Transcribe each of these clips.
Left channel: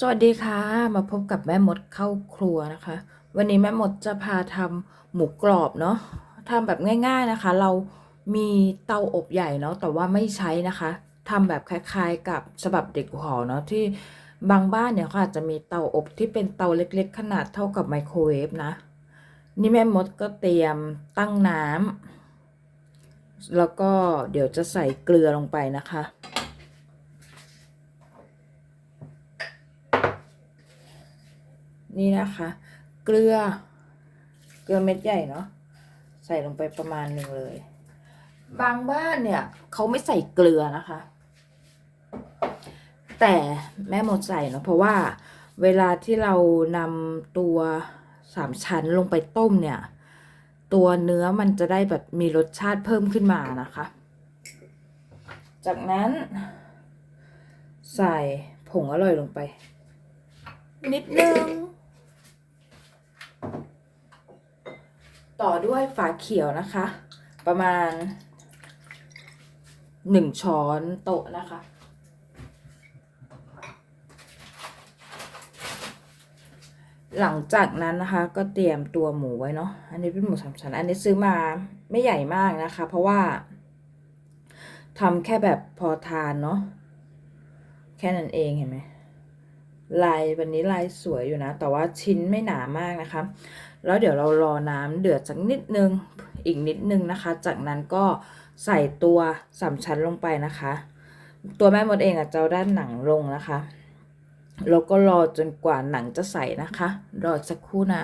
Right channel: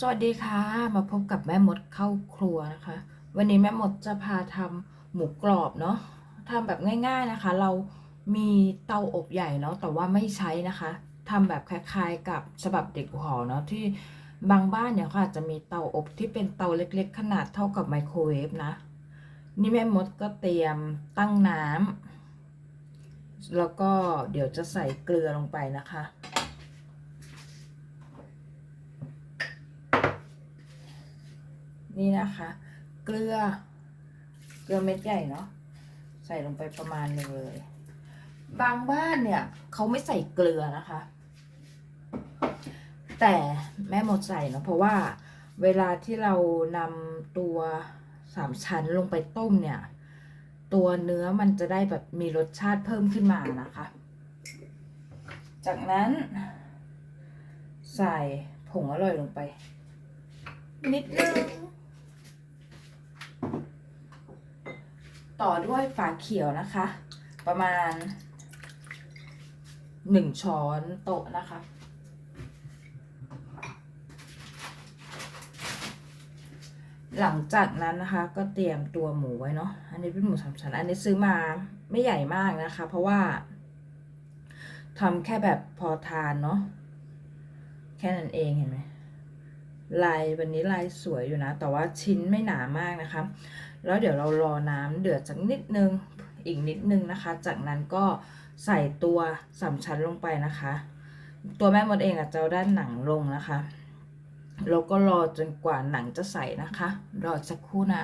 สวัสดีค่ะ มาพบกับแม่มดเข้าครัวนะคะ วันนี้แม่มดจะพาทำหมูกรอบเนาะทำแบบง่าย ๆนะคะ เรามีเตาอบใหญ่เนาะแต่ว่าไม่ใช้นะคะทำแบบคล้ายๆ กับฉบับเด็กหอเนาะที่บางบ้านเนี่ยเขาอาจจะมีเตาอบที่เป็นเตาเล็กๆ ขนาดเท่ากับไมโครเวฟนะ นี่แม่มดก็เตรียมตั้งน้ำแล้วก็เดี๋ยวจะใส่เกลือลงไปนะคะ นี่นะคะ เกลือ เกลือเม็ดใหญ่เนาะใส่ลงไปประมาณหนึ่งเลย บางบ้านเนี่ยเขาไม่ใส่เกลือนะคะ แต่แม่หมดใส่เนาะเพราะว่าเวลาที่เรานำตัวสามชั้นลงไปต้มเนี่ย ตัวเนื้อมันจะได้แบบมีรสชาติเพิ่มขึ้นมานะคะ จากนั้น ใส่ผงอร่อยลงไป นิดนึง ต่อด้วยฝาเขียวนะคะ ประมาณหนึ่งช้อนโต๊ะนะคะ หลังจากนั้นนะคะก็เตรียมตัวหมูไว้เนาะ อันนี้เป็นหมูสามชั้น อันนี้ซื้อมาไม่ใหญ่มากนะคะ เพราะว่าทำแค่แบบพอทานเนาะ แค่นั้นเองเห็นไหม ลายวันนี้ลายสวยอยู่นะ แต่ว่าชิ้นไม่หนามากนะคะ แล้วเดี๋ยวเรารอน้ำเดือดสักนิดนึงอีกนิดนึงนะคะ จากนั้นก็ใส่ตัวสามชั้นลงไปนะคะ ตัวแม่มดเองอะจะเอาด้านหนังลงนะคะแล้วก็รอจนกว่าหนังจะใสนะคะ รอสักครู่นะ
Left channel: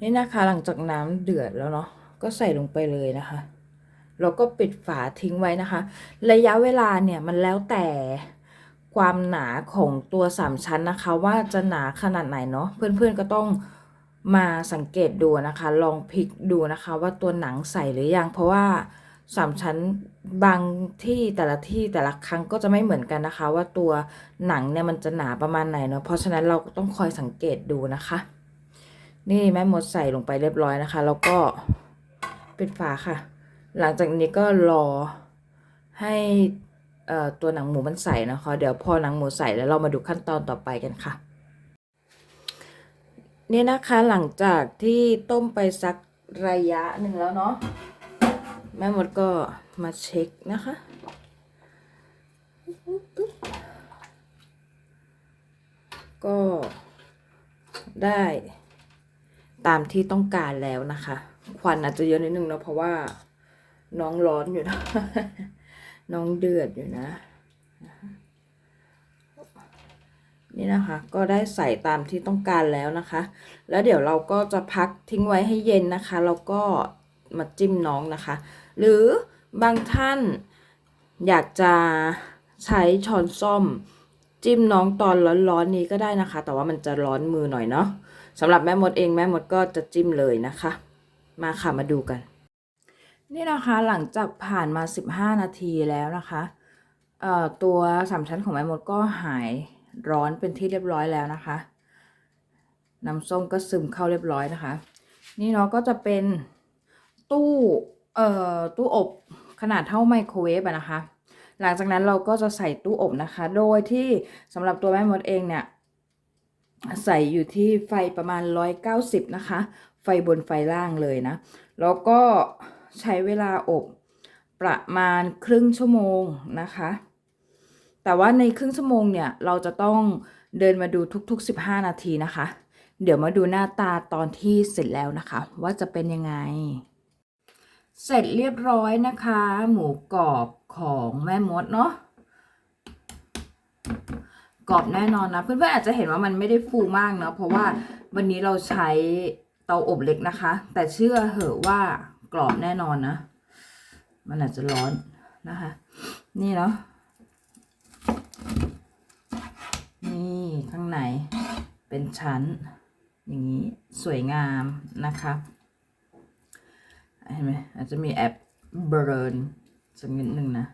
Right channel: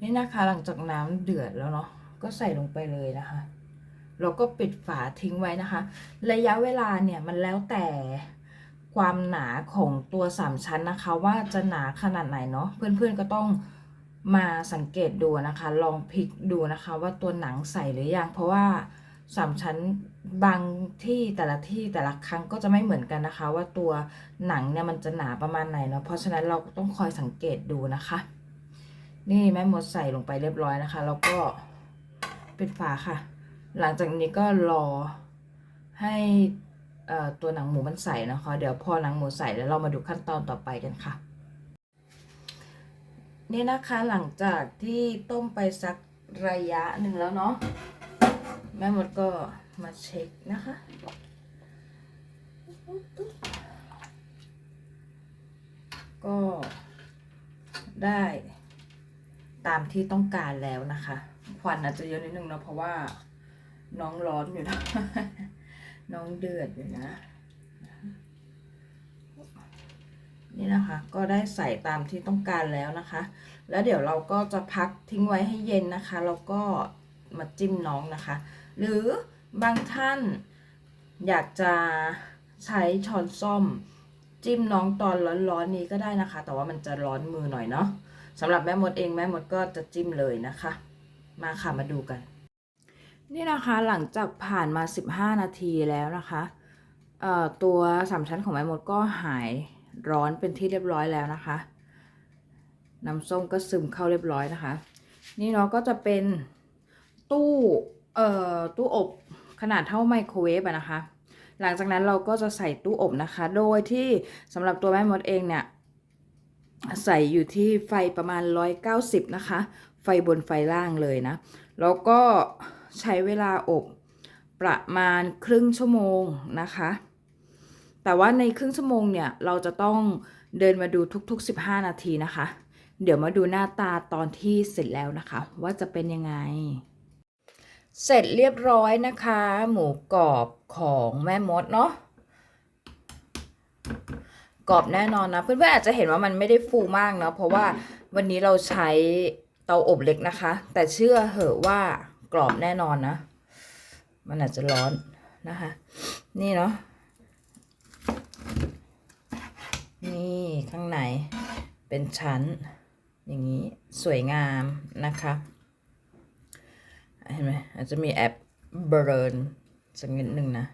นี่นะคะหลังจากน้ำเดือดแล้วเนาะก็ใส่ลงไปเลยนะคะแล้วก็ปิดฝาทิ้งไว้นะคะ ระยะเวลาเนี่ยมันแล้วแต่ ความหนาของตัวสามชั้นนะคะ ว่าจะหนาขนาดไหนเนาะเพื่อนๆก็ต้องมาสังเกตดูนะคะ ลองพลิกดูนะคะ ว่าตัวหนังใสหรือยัง เพราะว่าสามชั้นบางที่แต่ละที่แต่ละครั้งก็จะไม่เหมือนกันนะคะ ว่าตัวหนังเนี่ยมันจะหนาประมาณไหนเนาะเพราะฉะนั้นเราก็ต้องคอยสังเกตดูนะคะ นี่แม่มดใส่ลงไปเรียบร้อยนะคะ แล้วก็ปิดฝาค่ะ หลังจากนี้ก็รอให้ ตัวหนังหมูมันใสนะคะ เดี๋ยวพอหนังหมูใสแล้วเรามาดูขั้นตอนต่อไปกันค่ะนี่นะคะหลังจากที่ต้มไปสักระยะหนึ่งแล้วเนาะแม่มดก็มาเช็คนะคะก็ได้ตามที่ต้องการแล้วนะคะ ควันอาจจะเยอะนิดนึงเนาะเพราะว่าน้องร้อนอยู่นะ น้องเดือดอยู่นะ นี่นะคะ ก็ได้ใส่ตามที่ต้องการแล้วนะคะ แล้วเดี๋ยวเราก็จะพักทิ้งไว้ให้เย็นนะคะ แล้วก็มาจิ้มน้องนะคะ หรือบางท่านอยากจะใช้ช้อนส้อม จิ้มน้องตอนร้อนๆนี้ก็ได้นะคะ แต่ว่ามันจะร้อนมือหน่อยเนาะสำหรับแม่มดเองแม่มดก็จะจิ้มเลยนะคะ มาค่ะมาดูกัน นี่นะคะหลังจากผ่านมา 15 นาทีแล้วนะคะตัวสามชั้นของแม่มดก็หายร้อนเป็นที่เรียบร้อยแล้วนะคะ น้ำส้มก็ซึมเข้าเรียบร้อยนะคะ นี่เนาะก็จะเป็นตู้เอ่อตู้อบขนาดเท่าไมโครเวฟอะนะคะ หลังจากนั้นเราก็จะใส่ตู้อบนะคะ โดยที่สำหรับตัวแม่มดเองเนี่ยใส่อยู่ที่ไฟประมาณ 190 นะคะ ไฟบนไฟล่างเลยนะ แล้วก็ ใช้เวลาอบประมาณครึ่งชั่วโมงนะคะ แต่ว่าในครึ่งชั่วโมงเนี่ยเราจะต้องเดินมาดูทุก ๆ 15 นาทีนะคะ เดี๋ยวมาดูหน้าตาตอนที่เสร็จแล้วนะคะ ว่าจะเป็นยังไง เสร็จเรียบร้อยนะคะ หมูกรอบของแม่มดเนาะกรอบแน่นอนนะเพื่อนๆอาจจะเห็นว่ามันไม่ได้ฟูมากเนาะเพราะว่าวันนี้เราใช้เตาอบเล็กนะคะ แต่เชื่อเหอะว่า กรอบแน่นอนนะ มันอาจจะร้อนนะคะ นี่เนาะนี่ข้างในเป็นชั้น อย่างนี้สวยงามนะคะเห็นไหมอาจจะมีแอปเบรนสักนิดหนึ่งนะ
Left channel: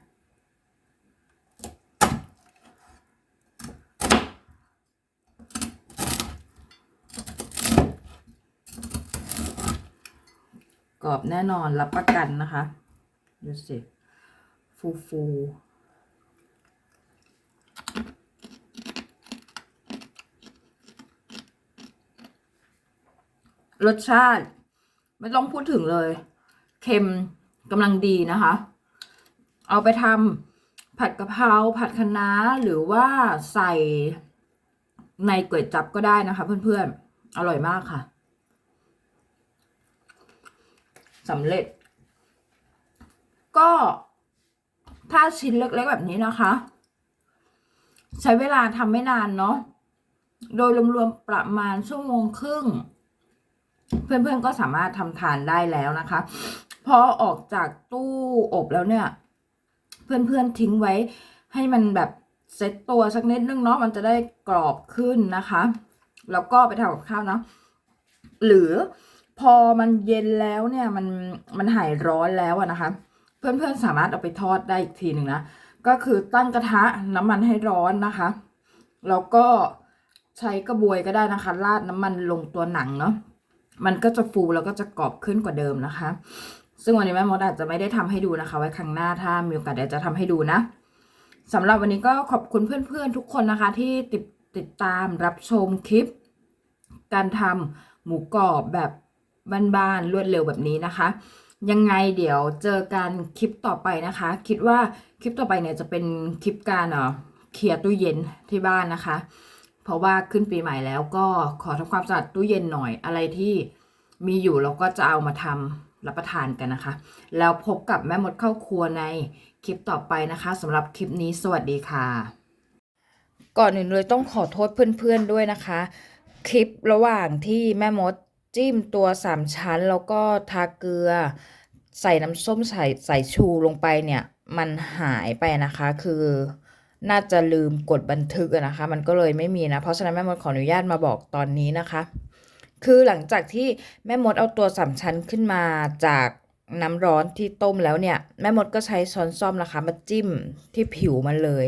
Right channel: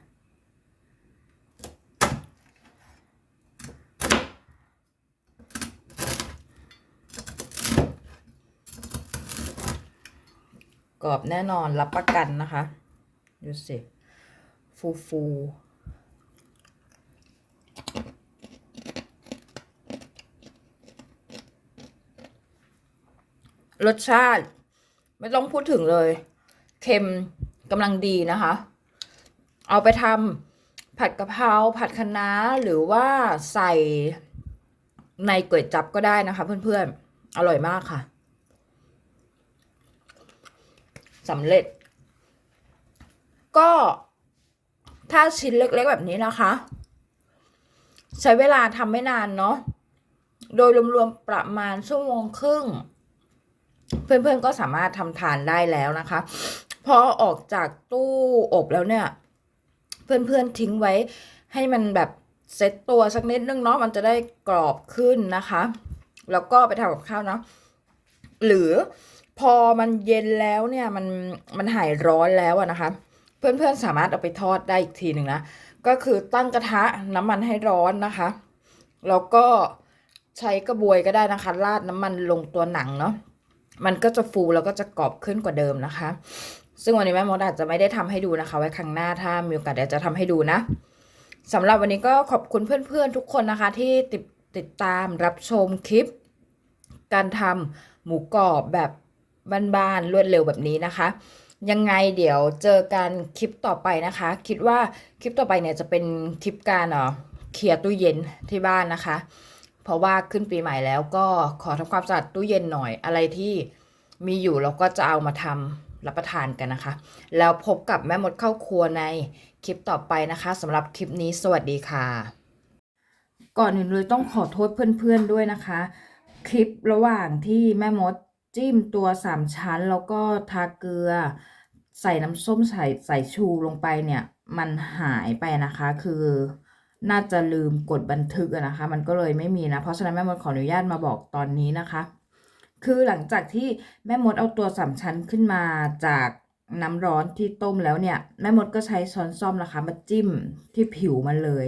รอบแน่นอนรับประกันนะคะดูสิฟูฟูรสชาติ ไม่ต้องพูดถึงเลย เค็มกำลังดีนะคะ เอาไปทำผัดกะเพราผัดคะน้าหรือว่าใส่ในก๋วยจับก็ได้นะคะเพื่อนๆ อร่อยมากค่ะ สำเร็จ ก็ถ้าชิ้นเล็กๆแบบนี้นะคะ ใช้เวลาทำไม่นานเนาะโดยรวมๆประมาณชั่วโมงครึ่ง เพื่อนๆก็สามารถทำทานได้แล้วนะคะพอออกจากตู้อบแล้วเนี่ย เพื่อนๆทิ้งไว้ ให้มันแบบเซ็ตตัวสักนิดนึงเนาะมันจะได้กรอบขึ้นนะคะ แล้วก็ไปทำกับข้าวเนาะหรือ พอมันเย็นแล้วเนี่ยมันมันหายร้อนแล้วนะคะ เพื่อนๆสามารถเอาไปทอดได้อีกทีหนึ่งนะก็คือตั้งกระทะน้ำมันให้ร้อนนะคะ แล้วก็ใช้กระบวยก็ได้นะคะ ราดน้ำมันลงตัวหนังเนาะมันก็จะฟูแล้วก็จะกรอบขึ้นกว่าเดิมนะคะ ซึ่งวันนี้แม่มดอาจจะไม่ได้ทำให้ดูนะคะ ไว้ครั้งหน้าถ้ามีโอกาสเดี๋ยวจะทำให้ดูนะสำหรับวันนี้ก็ขอบคุณเพื่อนๆทุกคนนะคะ ที่ติดติดตามรับชมคลิป การทำหมูกรอบแบบ บ้านๆรวดเร็วแบบนี้นะคะ ยังไงเดี๋ยวเจอกันคลิปต่อไปนะคะ คิดว่าคลิปต่อไปเนี่ยจะเป็นคลิปการเอ่อเคลียร์ตู้เย็นที่บ้านนะคะ เพราะว่าขึ้นปีใหม่แล้วก็ขอทำความสะอาดตู้เย็นหน่อยอะไรที่มีอยู่เราก็จะเอามาทำรับประทานกันนะคะ แล้วพบกับแม่มดเข้าครัวในคลิปต่อไปนะคะสำหรับคลิปนี้สวัสดีค่ะ ก่อนอื่นเลยต้องขอโทษเพื่อนๆด้วยนะคะ คลิประหว่างที่แม่มด จิ้มตัวสามชั้นแล้วก็ทาเกลือ ใส่น้ำส้มสายสายชูลงไปเนี่ย มันหายไปนะคะ คือน่าจะลืมกดบันทึกนะคะ มันก็เลยไม่มีนะ เพราะฉะนั้นแม่มดขออนุญาตมาบอกตอนนี้นะคะ คือหลังจากที่แม่มดเอาตัวสามชั้นขึ้นมาจากน้ำร้อนที่ต้มแล้วเนี่ย แม่มดก็ใช้ช้อนส้อมนะคะ มาจิ้มที่ผิวมันเลย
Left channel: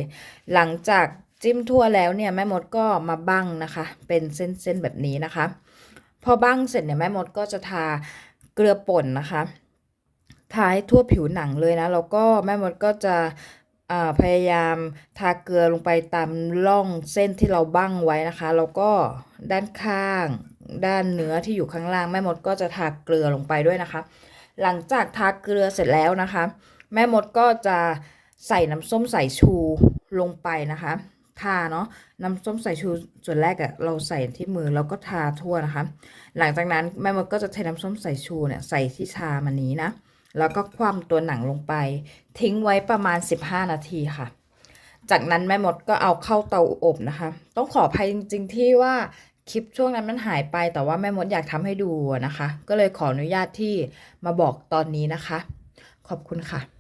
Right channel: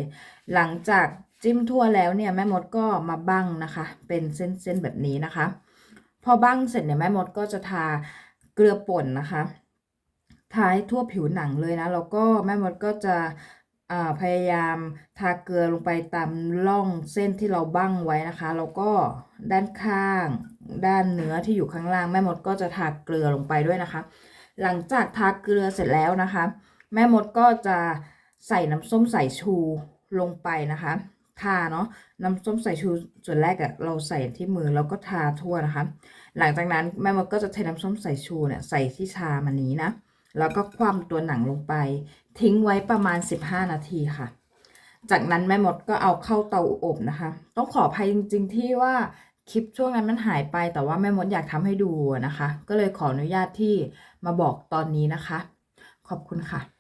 หลังจากจิ้มทั่วแล้วเนี่ยแม่มดก็มาบั้งนะคะ เป็นเส้นๆแบบนี้นะคะ พอบั้งเสร็จเนี่ยแม่มดก็จะทาเกลือป่นนะคะทาให้ทั่วผิวหนังเลยนะแล้วก็แม่มดก็จะพยายามทาเกลือลงไปตามร่องเส้นที่เราบั้งไว้นะคะ แล้วก็ด้านข้าง ด้านเนื้อที่อยู่ข้างล่าง แม่มดก็จะทาเกลือลงไปด้วยนะคะ หลังจากทาเกลือเสร็จแล้วนะคะ แม่มดก็จะใส่น้ำส้มสายชูลงไปนะคะ ทาเนาะน้ำส้มสายชูส่วนแรกอะเราใส่ที่มือแล้วก็ทาทั่วนะคะ หลังจากนั้นแม่มดก็จะเทน้ำส้มสายชูเนี่ยใส่ที่ชามันนี้นะ แล้วก็คว่ำตัวหนังลงไป ทิ้งไว้ประมาณ 15 นาทีค่ะ จากนั้นแม่มดก็เอาเข้าเตาอบนะคะ ต้องขออภัยจริง ๆ ที่ว่าคลิปช่วงนั้นมันหายไปแต่ว่าแม่มดอยากทำให้ดูนะคะ ก็เลยขออนุญาตที่มาบอกตอนนี้นะคะ ขอบคุณค่ะ